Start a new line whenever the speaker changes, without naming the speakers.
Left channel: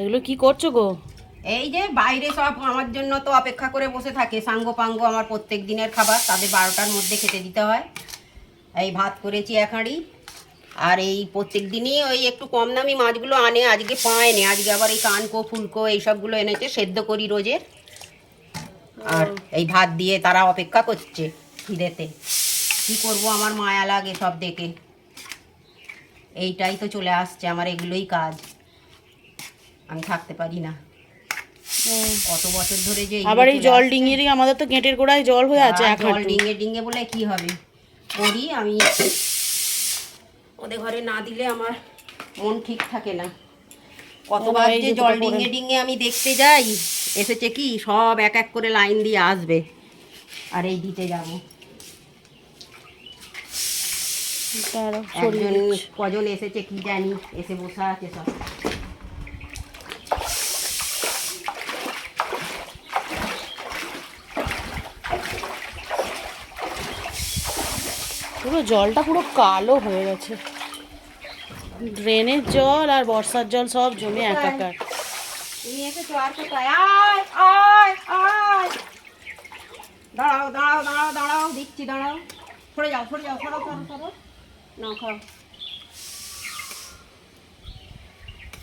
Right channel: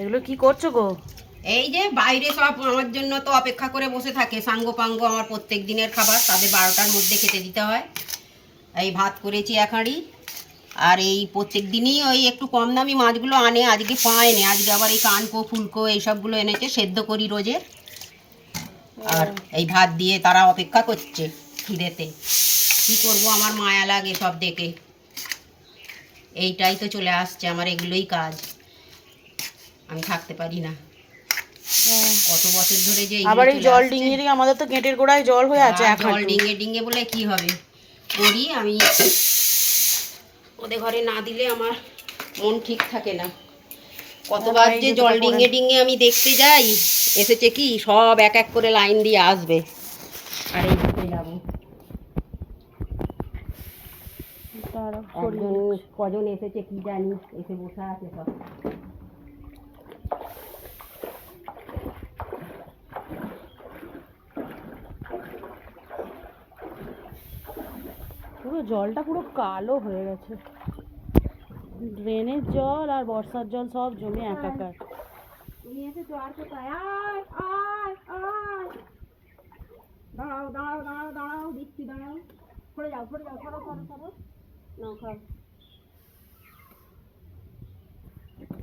এগুলো কি করছ গো?
এই যে বাইরে সব আমার জন্য তো অপেক্ষা করে বসে থাকে। সাঙ্গ পাঙ্গ আমার প্রত্যেক দিনের খাবার, তাদের বারোটার মধ্যে খেতে দিতে হয়। এই ভাত করেছি এক হাঁড়ি। আর এই প্রত্যেক দিনই ওই একটু কম দামি মাছগুলো আনে, আজকে পায়নি আজকে আবার এই কানকো, ফুলকো এইসবগুলো এনেছে, সেদ্ধ করি রোজের আর এই ভাত দিয়ে তারা অপেক্ষা করছে খিদেতে। কি করব, আমার মায়া লাগে সব দেখে। এইটাই তো চলে আসছে, আমার এগুলোই কাজ। আমি থাকতে পারি না। কত বছর ধরে যে
আবার এই জল ডিঙিয়ে আমাদের তো গেটের গোড়ায় জল হয়ে আছে এক
জল। ডিঙে ডিঙে বলে কি হবে? করি আমি। ওদের ঘরে না দিলে আমার মন ঠিক থাকে না। কতবার যে জল ডিঙে ডিঙে আমি দেখতে যাই এসেছে কি? সব এক এক করে লাইন দিয়ে আসবে। আর এই দিতে যাব। কজন এসেছে কি জানি এসে বসে আছে সব।
পুরো জলটা পুরো কালো হয়ে গেছে। ড্রেনের জল আর বর্ষার জল সব জমে একাকার।
তুমি এসেছ আয় আয় আয়। দাঁড়াও দাঁড়াও দাঁড়াও দাঁড়াও দিচ্ছি দাঁড়াও। সরে যাও সরে যাও সরো সরো সরো। না খাও।